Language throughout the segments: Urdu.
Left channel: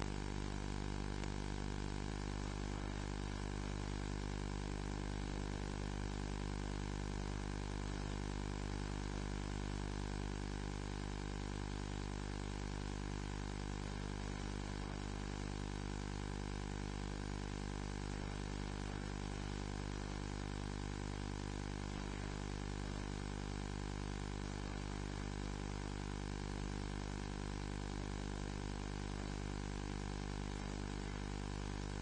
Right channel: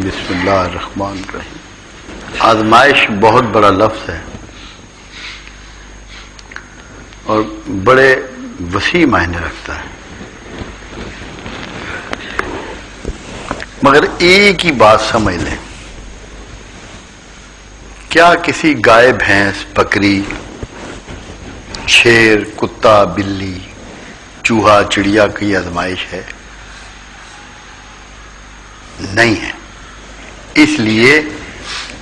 بسم اللہ الرحمن الرحیم۔ آزمائش بہت بڑا لفظ ہے اور بڑے وسیع معنی رکھتا ہے، مگر ایک ہی بات سمجھ لیں، کیا کسی گائے بھینس بکری شیر کتا بلی چوہا چڑیا کی آزمائش ہے؟ نہیں ہے، اس لیے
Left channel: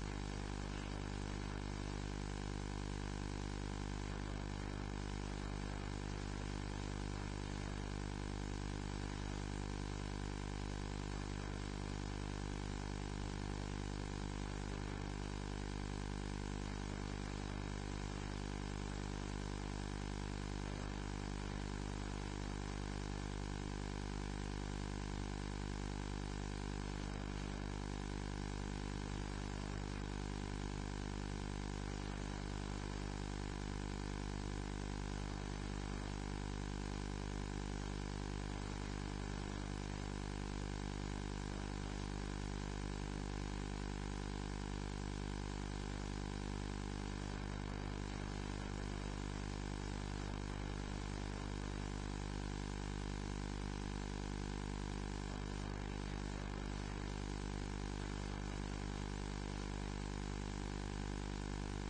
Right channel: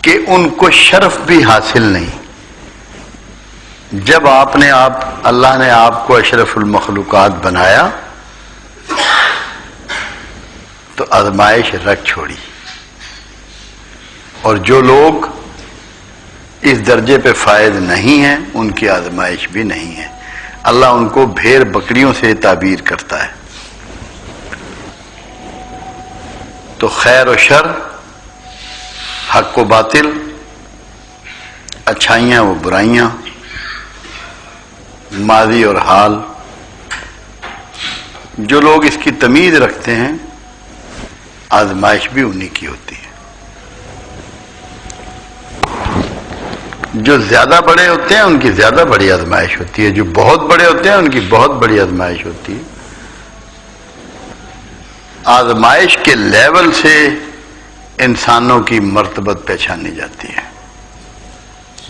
کہ ان کو شرف بھی حاصل نہیں۔ جب اللہ نے آپ کو اشرف المخلوقات بنایا تو آزمائش رکھ چھوڑی، اور جو لوگ اس درجے پہ فائز نہیں ہیں ان کی آزمائش بھی نہیں ہے۔ اللہ ان کو بھیڑ بکریوں سے تعبیر کرتا ہے۔ تو خیر و شر، حق و باطل، اچھائیاں و برائیاں، ماضی اور حال، جو لوگ اس کی تمیز رکھتے ہیں آزمائش بھی انہی کی ہوتی ہے۔ جو زیادہ بڑے ہوتے ہیں ان کی زیادہ بڑی آزمائش ہوتی ہے، جو بہت بڑے ہوتے ہیں ان کی بہت بڑی آزمائش ہوتی ہے۔ آزمائش کے لیول سے انسانوں کی مرتبت پہچانی جاتی ہے۔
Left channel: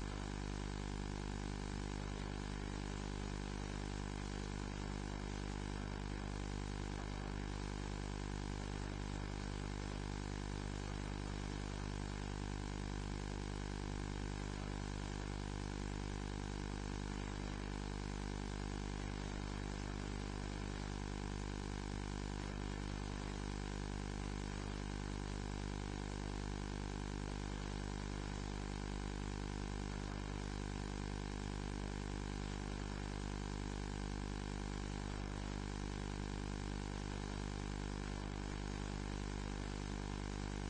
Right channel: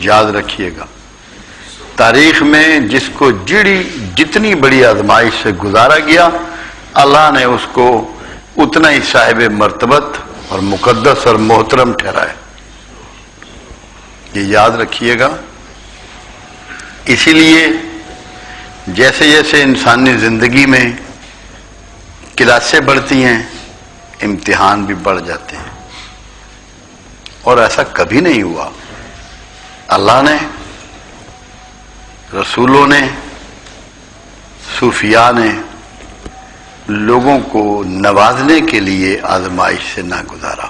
یاد رکھیے گا، تاریخ میں جس کو جتنی بڑی آزمائش سے گزارا گیا، اللہ نے اس کو اتنا ہی صاحب مرتبت اور مقدس اور محترم ٹھہرایا۔ یہ یاد رکھیے گا۔ اسی لیے جیسے جیسے انسانی زندگی میں کلاسیں بڑھتی ہیں، امتحان بھی بڑھ جاتے ہیں، اور ایسا کبھی نہیں ہوا۔ اللہ نے، رسولوں نے، صوفیاء نے لوگوں کو نوازنے کے لیے آزمائش سے نہ گزارا۔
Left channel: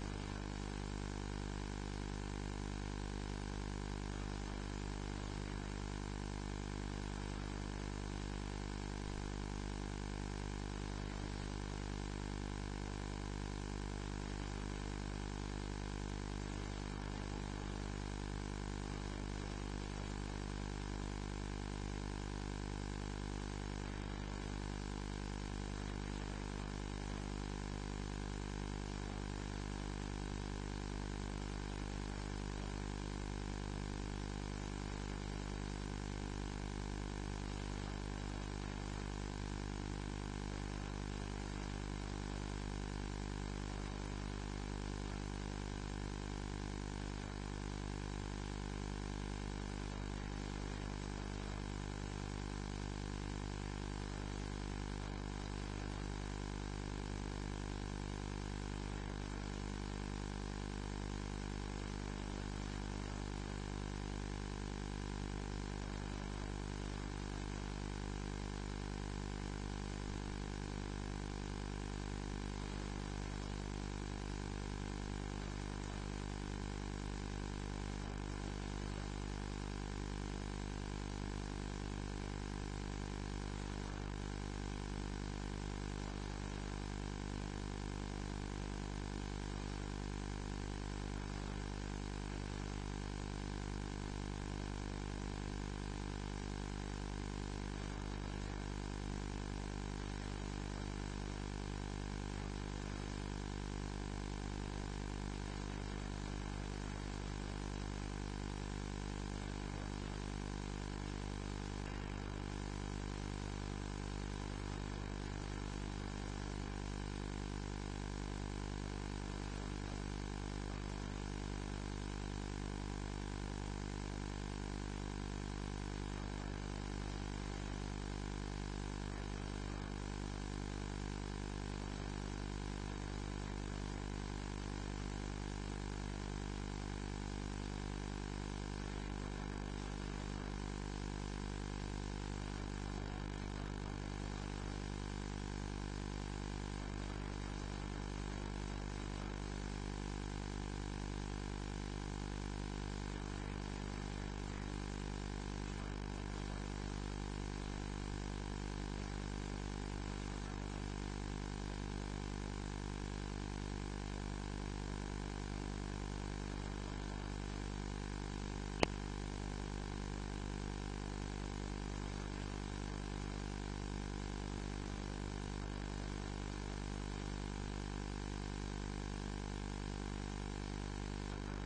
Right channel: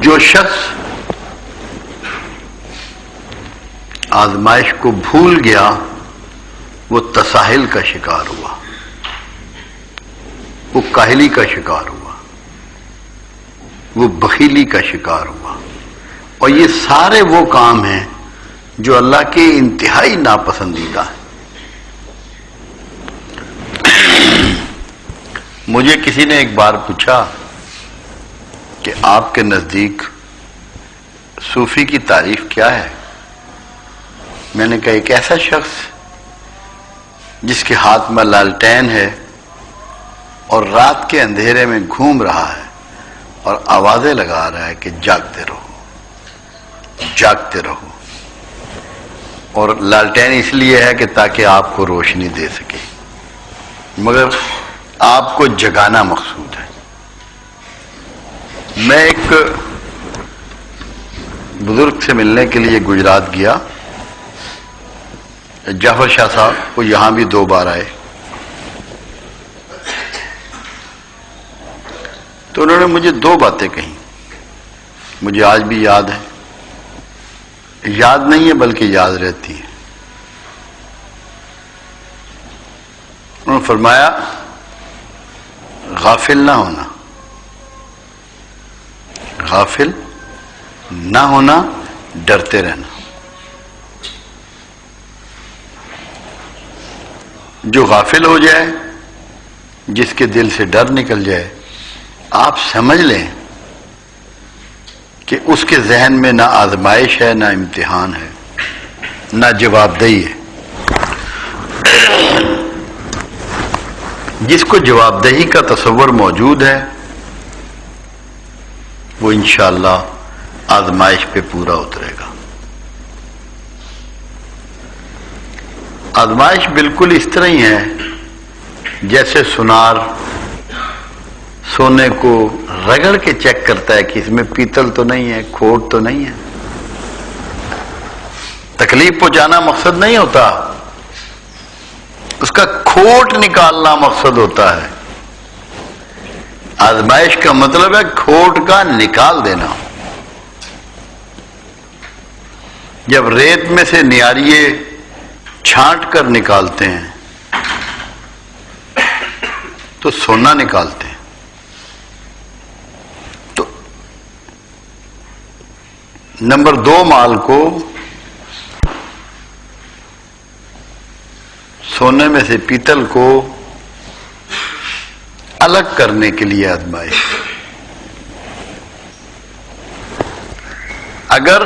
جو شخص آزمائش کو بھول گیا وہ تساہل کا شکار ہوا، وہ کاہلی کا شکار ہوا، وہ بخیلی کا شکار ہوا، اور یہ سارے وہ کام ہیں جو اللہ کے انتہائی ناپسندیدہ ہیں۔ مجھے کسی نے ایک بار پوچھا کہ آپ کے نزدیک صوفی کی تعریف کیا ہے؟ میں نے کہا ایک ایسا شخص جس کے ہاتھ میں لالٹین ہے اور رات کے اندھیرے میں گھوم رہا ہے اور آوازیں لگا رہا ہے کہ جاگتے رہو جاگتے رہو، اور لالٹین اس لیے ہے کہ تاکہ آپ کو روشنی دے سکے، مگر آپ کو جگانا مقصود ہے۔ میں ایک بزرگ سے ملنے کے لیے گجرات گیا، جعفر شاہ صاحب، وہ یہاں بھی 2 بار آئے، تو انہوں نے مجھے 2 باتیں کہیں، مجھے آج بھی یاد ہے، یاد نہیں ہے بلکہ یاد رہتی ہے۔ انہوں نے فرمایا غافل نہ ہونا، غافل نہ ہونا، ڈرتے رہنا۔ جو غافل ہو جائے، جس کے دل سے ڈر نکل جائے، آپ سمجھ لیں کہ اس کے ذہن میں نہ آزمائش ہے، نہ امتحان ہے، نہ جواب دہی ہے۔ جس کو جواب دہی کا تصور موجود ہے وہ انشاءاللہ آزمائش پہ پورا اترے گا۔ آزمائش بالکل اس طرح ہی ہے جیسے سونار سونے کو رگڑ کے چیک کرتا ہے کہ اس میں پیتل تو نہیں ہے، کھوٹ تو نہیں ہے۔ تکلیف پہنچانا مقصد نہیں ہوتا، اس کا کھوٹ نکالنا مقصد ہوتا ہے۔ آزمائش کا مطلب ہے کھوٹ کا نکال دینا۔ جب ریت میں سے نیاریے چھانٹ کر نکالتے ہیں تو سونا نکالتے ہیں. تو نمبر 2 مال کو سونے میں سے پیتل کو الگ کرنے کے لیے آزمائش. اگر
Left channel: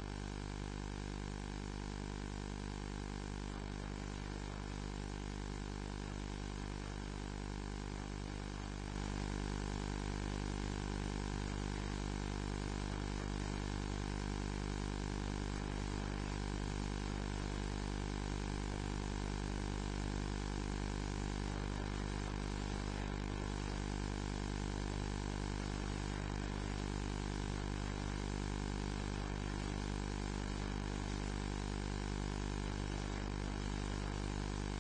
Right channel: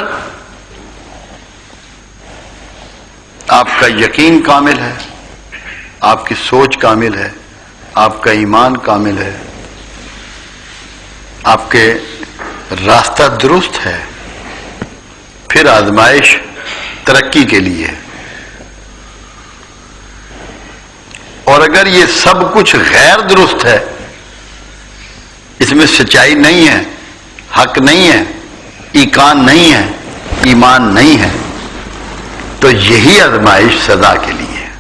آپ کا یقین کامل ہے، آپ کی سوچ کامل ہے، آپ کا ایمان کامل ہے، آپ کے راستہ درست ہے، پھر آزمائش ترقی کے لیے ہے. اور اگر یہ سب کچھ غیر درست ہے، اس میں سچائی نہیں ہے، حق نہیں ہے، ایقان نہیں ہے، ایمان نہیں ہے، تو یہی آزمائش سزا کے لیے ہے.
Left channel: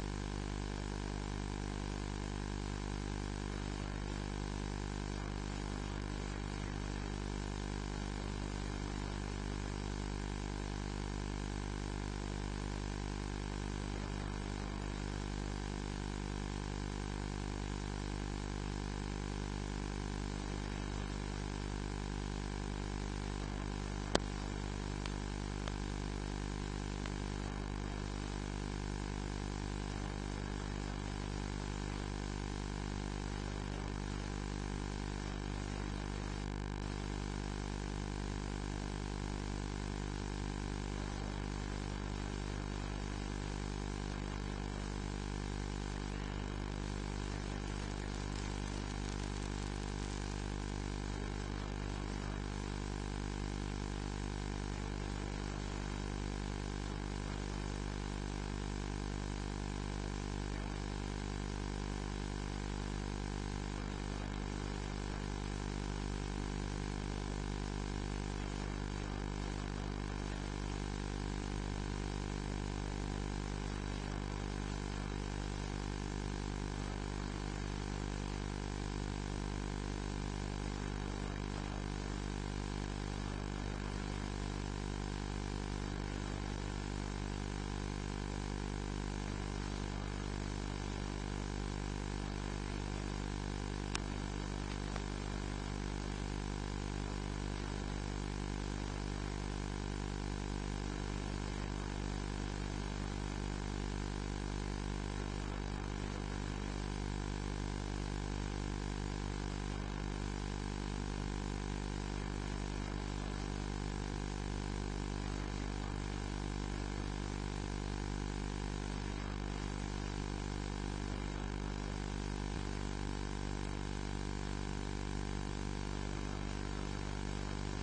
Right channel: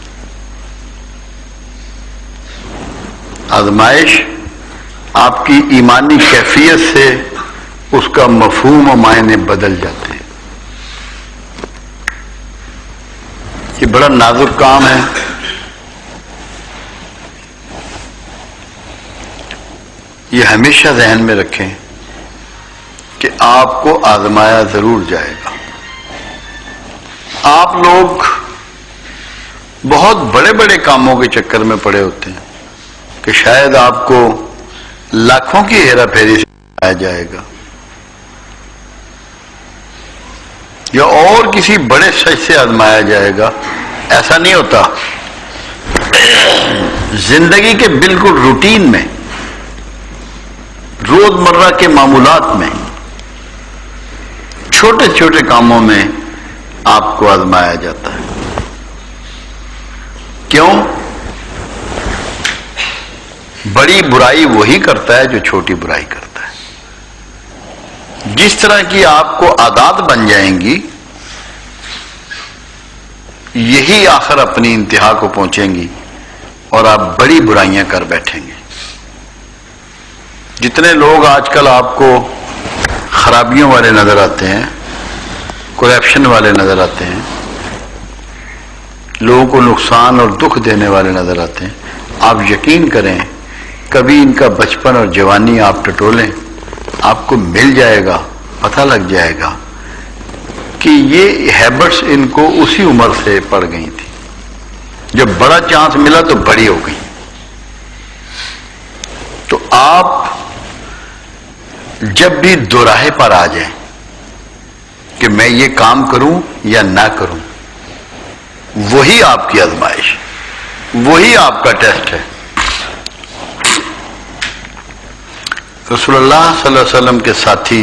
آزمائش آپ کی ایمانی کیفیت سے اس کا مفہوم و معنی بدل جاتے ہیں. یہ بڑا نازک کام ہے. یہ ہمیشہ ذہن میں رکھیں کہ آپ کو آزمایا ضرور جائے گا. آپ لوگ بہت بڑے بڑے کاموں کے چکر میں پڑے ہوتے ہیں کہ شاید آپ کو لاکھوں کی ہیرا پھیری سے آیا جائے گا یا اور کسی بڑے سچ سے آزمایا جائے گا. ایسا نہیں ہوتا. زندگی کے بالکل روٹین میں، روزمرہ کے معمولات میں، چھوٹے چھوٹے کاموں میں آپ کو آزمایا جاتا ہے. کیوں؟ بڑی برائی وہی کرتا ہے جو چھوٹی برائی کرتا ہے. جس طرح کی آپ کو عادات بن جائیں گی، یہی آخر اپنی انتہا کو پہنچیں گی اور آپ بڑی برائیاں کر بیٹھیں گے. جتنے لوگ آج کل آپ کو خرابیوں والے نظر آتے ہیں، کرپشن والے نظر آتے ہیں، لوگوں کو نقصان اور دکھ دینے والے نظر آتے ہیں، آپ یقین کریں کبھی ان کا بچپن اور جوانی آپ ٹٹولیں، آپ کو مل جائے گا، پتہ لگ جائے گا کہ یہ ہیبٹس ان کو اسی عمر سے پڑ گئی تھی. جب بڑا چانس ملا تو بڑی ہو گئی. تو آپ جب بھی دوراہے پر آ جائیں کہ میں یہ کام کروں یا نہ کروں، وہی آپ کی آزمائش، وہی آپ کا ٹیسٹ ہے. رسول اللہ صلی اللہ علیہ وسلم کے ساتھی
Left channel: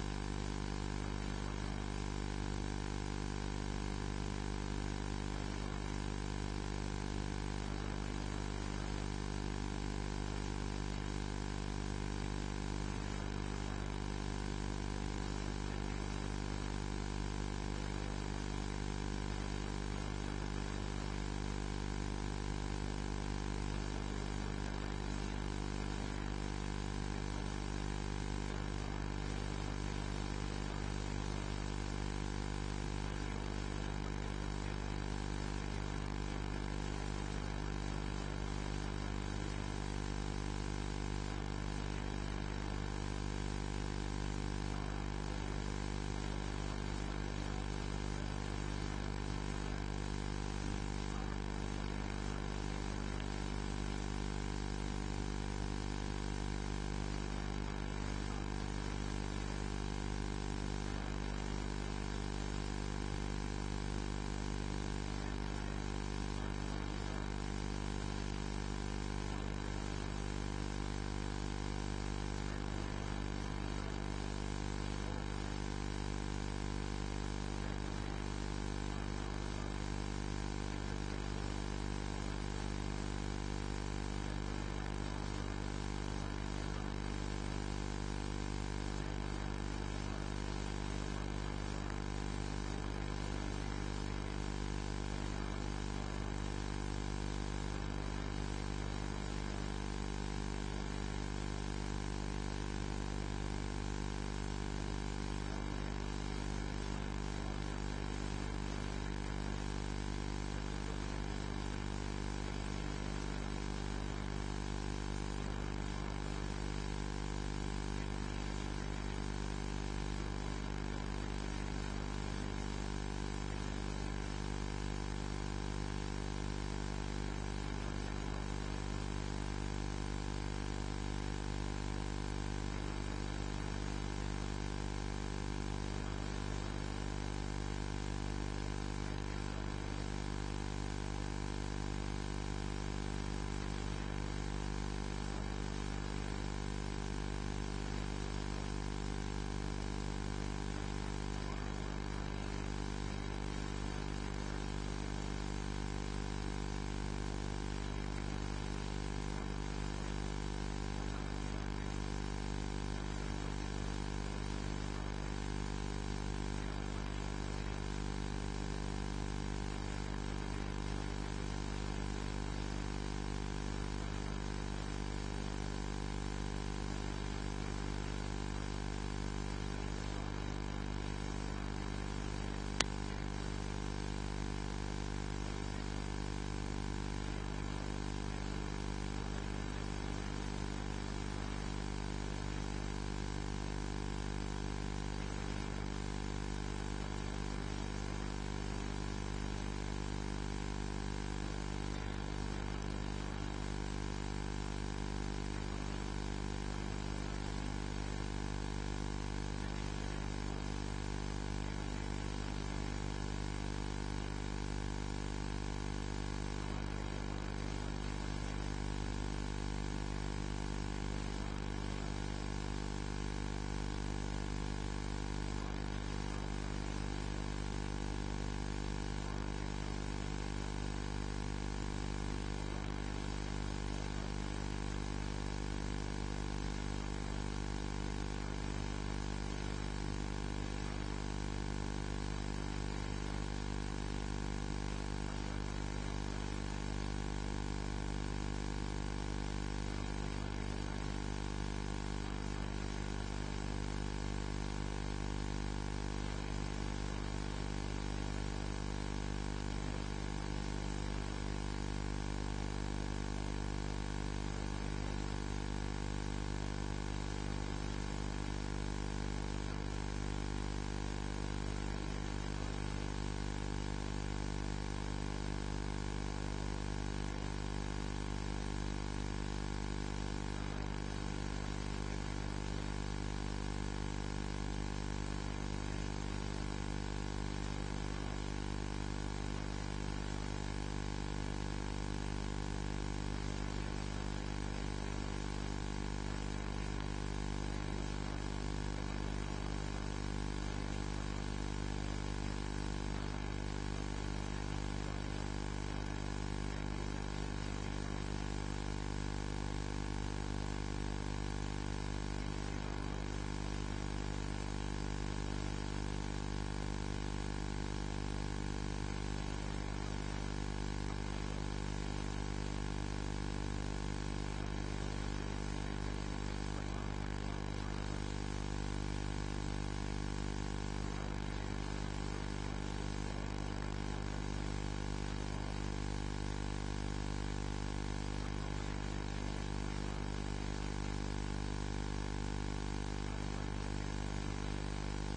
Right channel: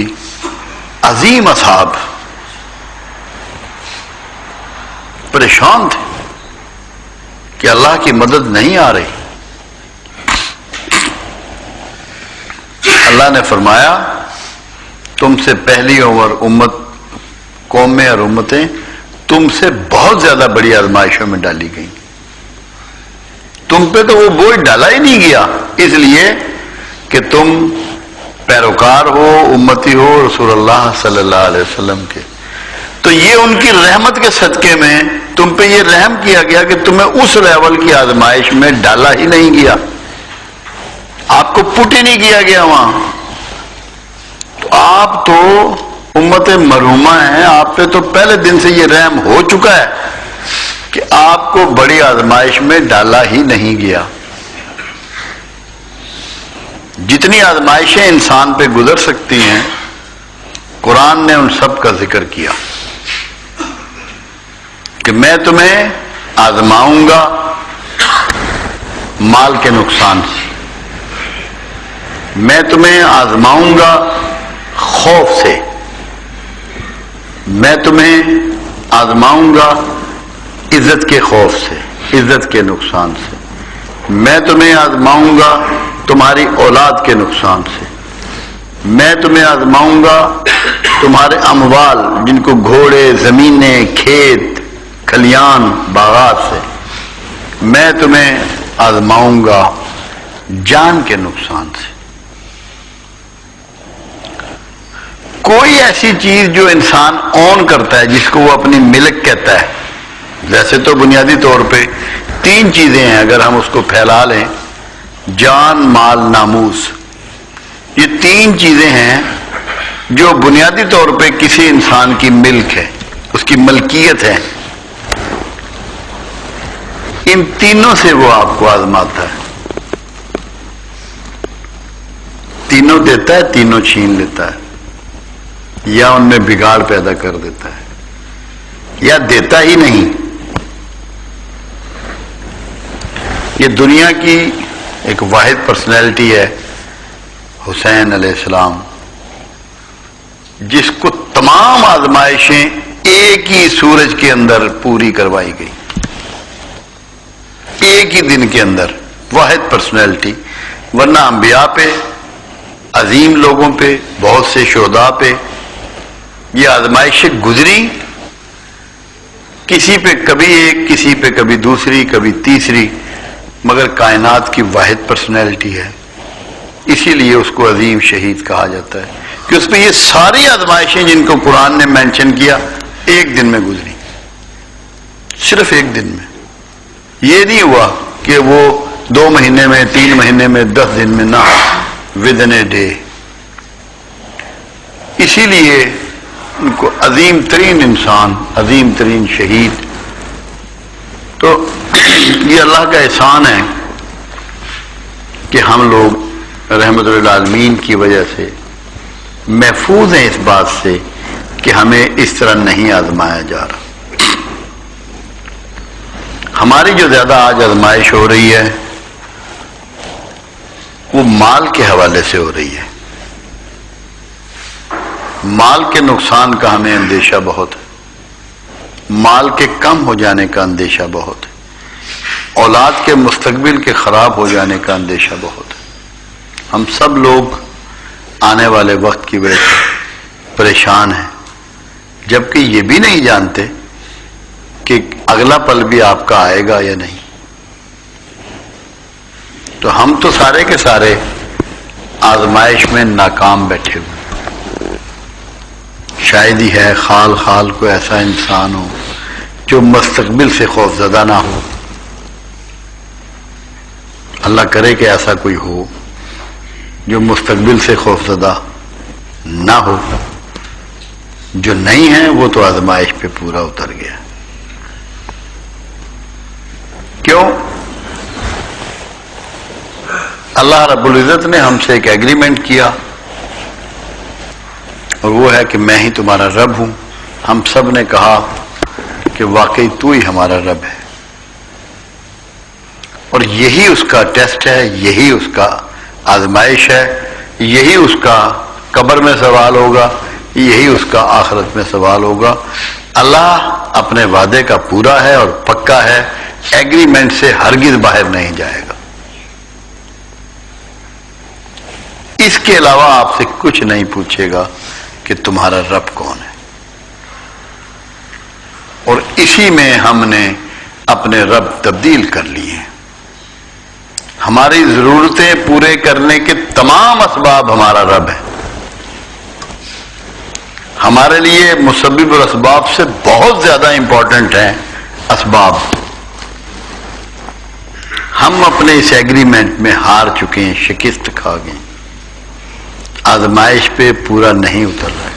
عظیم اصحاب پریشان تھے کہ اللہ کی مدد نہیں آ رہی. اللہ نے فرمایا تم سے پہلی اور امت قومیں اور امتیں تم سے بہت زیادہ بڑی آزمائشوں میں ڈالی گئیں. تم پہ تو وہ بوجھ ڈالا ہی نہیں گیا، اس لیے کہ تم پیروکار ہو، امتی ہو رسول اللہ صلی اللہ علیہ وسلم کے. تو یہ ان کی رحمت کے صدقے میں تم پہ یہ رحم کیا گیا کہ تمہیں اس لیول کی آزمائش میں ڈالا ہی نہیں گیا، آپ کو پٹ ہی نہیں کیا گیا وہاں. تو آپ تو امت مرحومہ ہیں، آپ پہ تو پہلے دن سے یہ رحم ہو چکا ہے کہ آپ کو بڑی آزمائش میں ڈالا ہی نہیں گیا. جتنی آزمائشیں انسان پہ گزر سکتی ہیں قرآن نے ان سب کا ذکر کیا کہ میں تمہیں آزماؤں گا مال کے نقصان سے، میں تمہیں آزماؤں گا خوف سے، میں تمہیں آزماؤں گا عزت کے خوف سے، عزت کے نقصان سے، میں تمہیں آزماؤں گا تمہاری اولاد کے نقصان سے، میں تمہیں آزماؤں گا تمہارے اموال جن کو گھوڑے، زمینیں، کھیت، کھلیان، باغات سے، میں تمہیں آزماؤں گا جان کے نقصان سے. کوئی ایسی چیز جو انسان اون کرتا ہے، جس کو وہ اپنی ملک کہتا ہے، ویسے تو بنیادی طور پہ 3 چیزیں ہیں اگر ہم اس کو پھیلا لیں، جان، مال، ناموس، یہ تین چیزیں ہیں جو بنیادی طور پہ کسی انسان کی ملک ہے، اس کی ملکیت ہے. ان تینوں سے وہ آپ کو آزماتا ہے. تینوں دیتا ہے، تینوں چھین لیتا ہے، یا ان میں بگاڑ پیدا کر دیتا ہے، یا دیتا ہی نہیں. یہ دنیا کی ایک واحد پرسنالٹی ہے حسین علیہ السلام، جس کو تمام آزمائشیں ایک ہی سورج کے اندر پوری کروائی گئی، ایک ہی دن کے اندر. واحد پرسنالٹی. ورنہ انبیاء پہ، عظیم لوگوں پہ، بہت سے شہداء پہ یہ آزمائشیں گزری، کسی پہ کبھی ایک، کسی پہ کبھی دوسری، کبھی تیسری، مگر کائنات کی واحد پرسنالٹی ہے. اسی لیے اس کو عظیم شہید کہا جاتا ہے کہ اس پہ یہ ساری آزمائشیں جن کو قرآن نے مینشن کیا ایک دن میں گزری، صرف ایک دن میں. یہ نہیں ہوا کہ وہ 2 مہینے میں، 3 مہینے میں، 10 دن میں، نہ، ود ان اے ڈے. اسی لیے ان کو عظیم ترین انسان، عظیم ترین شہید. تو یہ اللہ کا احسان ہے کہ ہم لوگ رحمت للعالمین کی وجہ سے محفوظ ہیں اس بات سے کہ ہمیں اس طرح نہیں آزمایا جا رہا. ہماری جو زیادہ آج آزمائش ہو رہی ہے وہ مال کے حوالے سے ہو رہی ہے. مال کے نقصان کا ہمیں اندیشہ بہت ہے، مال کے کم ہو جانے کا اندیشہ بہت ہے، اولاد کے مستقبل کے خراب ہو جانے کا اندیشہ بہت ہے. ہم سب لوگ آنے والے وقت کی وجہ سے پریشان ہیں، جبکہ یہ بھی نہیں جانتے کہ اگلا پل بھی آپ کا آئے گا یا نہیں. تو ہم تو سارے کے سارے آزمائش میں ناکام بیٹھے ہوئے. شاید ہی ہے خال خال کو ایسا انسان ہو جو مستقبل سے خوف زدہ نہ ہو. اللہ کرے کہ ایسا کوئی ہو جو مستقبل سے خوف زدہ نہ ہو. جو نہیں ہے وہ تو آزمائش پہ پورا اتر گیا. کیوں؟ اللہ رب العزت نے ہم سے ایک ایگریمنٹ کیا، اور وہ ہے کہ میں ہی تمہارا رب ہوں. ہم سب نے کہا کہ واقعی تو ہی ہمارا رب ہے، اور یہی اس کا ٹیسٹ ہے، یہی اس کا آزمائش ہے، یہی اس کا قبر میں سوال ہوگا، یہی اس کا آخرت میں سوال ہوگا. اللہ اپنے وعدے کا پورا ہے اور پکا ہے، ایگریمنٹ سے ہرگز باہر نہیں جائے گا. اس کے علاوہ آپ سے کچھ نہیں پوچھے گا کہ تمہارا رب کون ہے. اور اسی میں ہم نے اپنے رب تبدیل کر لیے ہیں. ہماری ضرورتیں پورے کرنے کے تمام اسباب ہمارا رب ہے. ہمارے لیے مسبب الاسباب سے بہت زیادہ امپورٹنٹ ہیں اسباب. ہم اپنے اس ایگریمنٹ میں ہار چکے ہیں، شکست کھا گئے، آزمائش پہ پورا نہیں اتر رہے.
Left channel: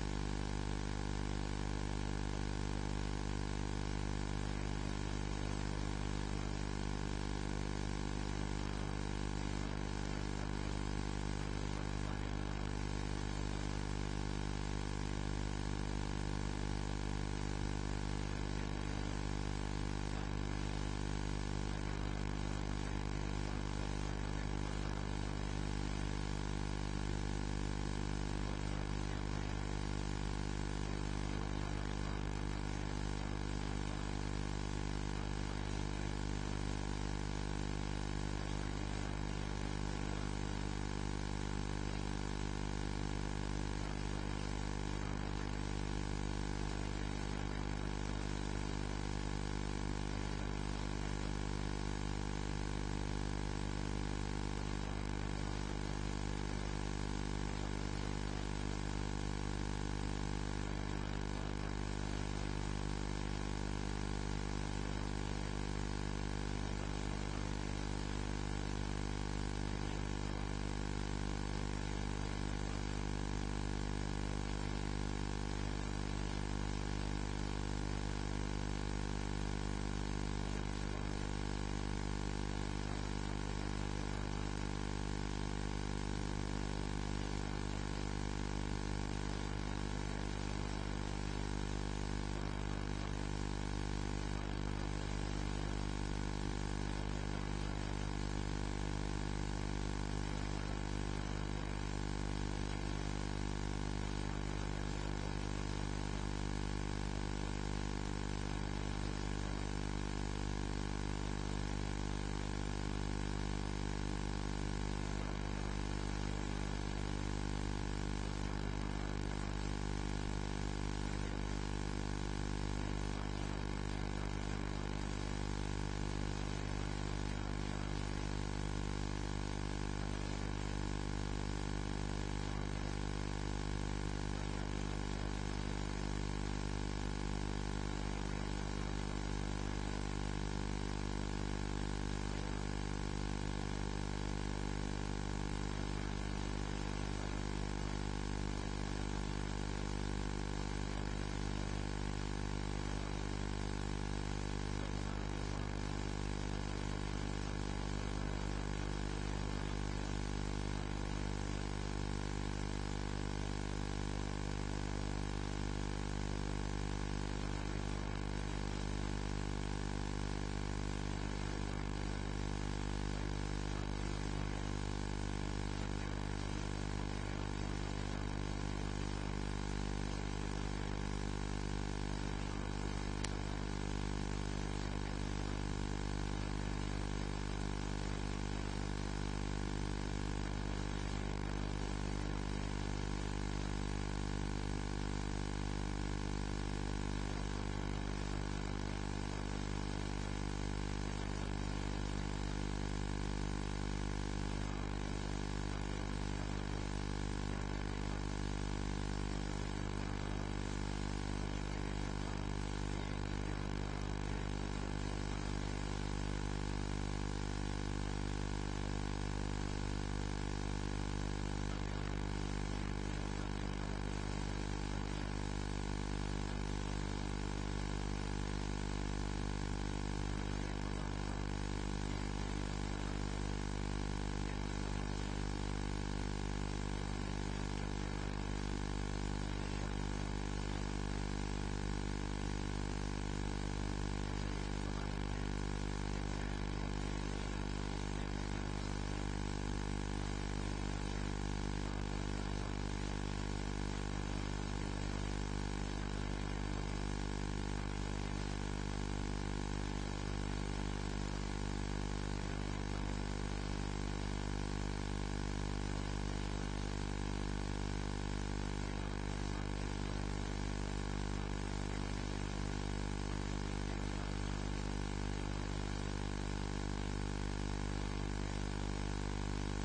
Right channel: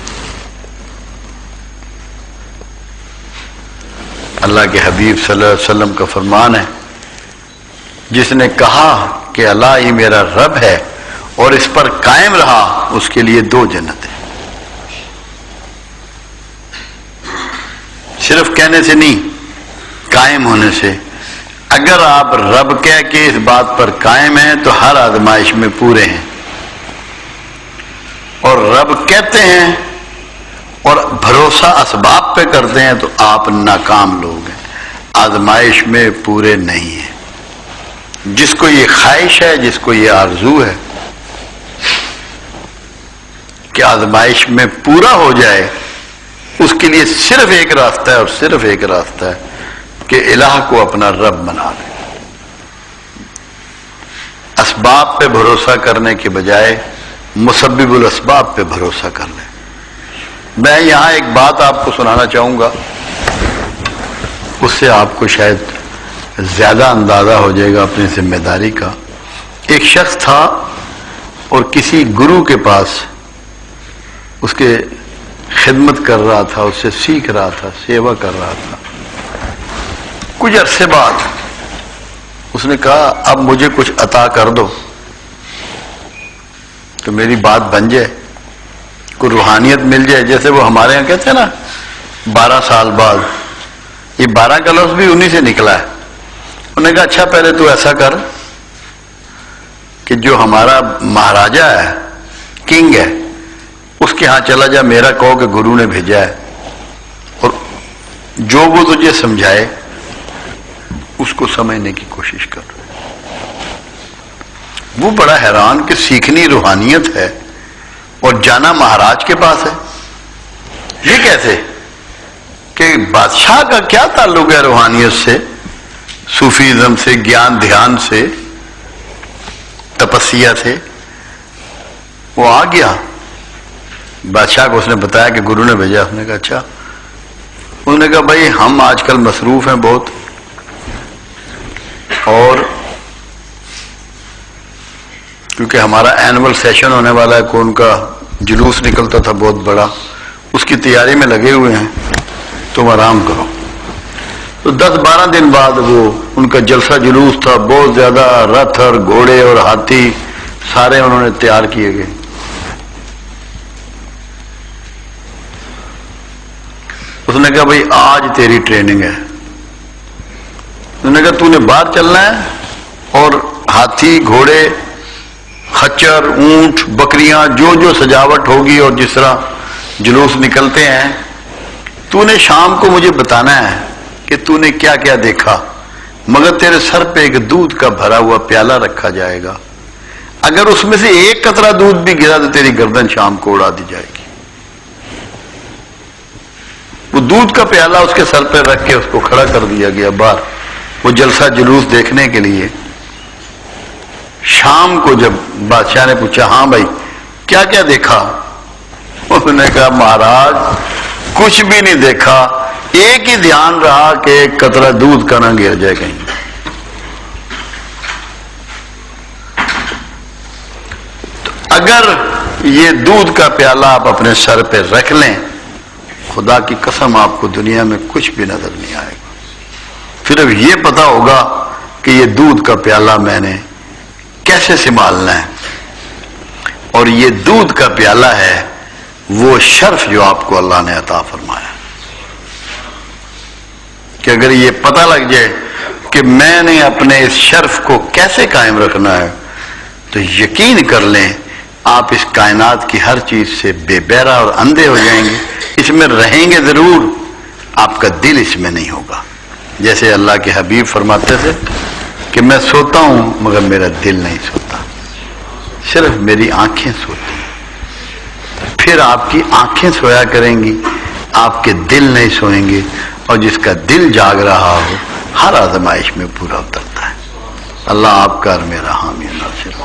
اللہ کے حبیب صلی اللہ علیہ وسلم کا فرمان ہے، جس نے کہا کہ اللہ ہی میرا رب ہے اور اس پر قائم رہا، اس کے لیے 2 جنتیں. صرف کہنے سے نہیں، قائم ہونے سے. اگر آپ رب کہہ کے اس بات پر قائم ہیں تو ہر آزمائش میں پورے ہیں، اور رب کہتے ہیں اور بھروسہ اسباب پہ کرتے ہیں تو آپ ناکام لوگ ہیں، آزمائش میں پورے نہیں ہیں. جس کو یہ خواہش ہے، جس کو یہ آرزو ہے کہ آزمائش میں پورا ہو جائے، اس کے لیے صرف ایک راستہ ہے، اور صرف ایک راستہ ہے کہ الہ کو اپنا رب بنا لے. اسباب پہ بھروسہ کرنے کے بجائے مسبب الاسباب پہ بھروسہ کر لیں. میں یہاں ایک بات آپ کو سنانا چاہوں گا، اس سے آپ کو شاید زیادہ اندازہ ہو جائے گا اپنی ذمہ داری کا. ایک شخص تھا اور کسی گرو کے پاس اس کے خدمت کر رہا تھا، اس سے سیکھ رہا تھا، سیوا کر رہا تھا۔ کچھ عرصے بعد اس نے کہا اب مجھے کچھ عطا کر دو تو میری بات بن جائے، کوئی روحانیت مل جائے، جیسے وہ ہمارے یہاں کہتے ہیں نا 12 سال بعد، یہ 12 کا لفظ بھی انہی سے نکلا ہے۔ انہوں نے کہا اچھا پہلے تو ایسا کر کہ جو ہمارا مہاراجا ہے، کنگ ہے، اس کے ہاں چلا جا، میرا کہو کہ گرو نے بھیجا ہے، اور جو وہ تجھے سمجھائے اس کو سمجھنے کی کوشش کر۔ وہ بڑا حیران کہ سیکھنی روحانیت ہے اور جانا مہاراج کے پاس ہے، یہ کیسے؟ کہ بادشاہ کا کیا تعلق ہے روحانیت سے، صوفیزم سے، گیان دھیان سے، تپسیا سے؟ وہ آ گیا بادشاہ کو، اس نے بتایا کہ گرو نے بھیجا۔ اس نے کہا اچھا۔ انہوں نے کہا بھائی ہم آج کل مصروف ہیں بہت، اور کیونکہ ہمارا اینول سیشن ہونے والا ہے، کون کا جلوس نکلتا تھا بہت بڑا، اس کی تیاری میں لگے ہوئے ہیں، تم آرام کرو۔ تو 10-12 دن بعد وہ ان کا جلسہ جلوس تھا، بہت زیادہ رتھ اور گھوڑے اور ہاتھی سارے انہوں نے تیار کیے گئے۔ اس نے کہا بھائی آج تیری ٹریننگ ہے۔ انہوں نے کہا تو نے باہر چلنا ہے اور ہاتھی، گھوڑے، خچر، اونٹ، بکریاں، جو جو سجاوٹ ہوگی اور جس طرح جلوس نکلتے ہیں، تو نے شام کو مجھے بتانا ہے کہ تو نے کیا کیا دیکھا، مگر تیرے سر پہ ایک دودھ کا بھرا ہوا پیالہ رکھا جائے گا، اگر اس میں سے ایک قطرہ دودھ بھی گرا تو تیری گردن شام کو اڑا دی جائے گی۔ وہ دودھ کا پیالہ اس کے سر پہ رکھ کے اس کو کھڑا کر دیا گیا باہر، وہ جلسہ جلوس دیکھنے کے لیے۔ شام کو جب بادشاہ نے پوچھا ہاں بھائی کیا کیا دیکھا، انہوں نے کہا مہاراج کچھ بھی نہیں دیکھا، ایک ہی دھیان رہا کہ ایک قطرہ دودھ کا نہ گر جائے کہیں۔ تو اگر یہ دودھ کا پیالہ آپ اپنے سر پہ رکھ لیں، خدا کی قسم آپ کو دنیا میں کچھ بھی نظر نہیں آئے گا، صرف یہ پتا ہوگا کہ یہ دودھ کا پیالہ میں نے کیسے سنبھالنا ہے، اور یہ دودھ کا پیالہ ہے وہ شرف جو آپ کو اللہ نے عطا فرمایا، کہ اگر یہ پتہ لگ جائے کہ میں نے اپنے اس شرف کو کیسے قائم رکھنا ہے، تو یقین کر لیں آپ اس کائنات کی ہر چیز سے بے بہرا اور اندھے ہو جائیں گے۔ اس میں رہیں گے ضرور، آپ کا دل اس میں نہیں ہوگا۔ جیسے اللہ کے حبیب فرماتے تھے کہ میں سوتا ہوں مگر میرا دل نہیں سوتا، صرف میری آنکھیں سوتی ہیں۔ پھر آپ کی آنکھیں سویا کریں گی، آپ کے دل نہیں سوئیں گے، اور جس کا دل جاگ رہا ہو ہر آزمائش میں پورا اترتا ہے۔ اللہ آپ کا اور میرا حامی و ناصر۔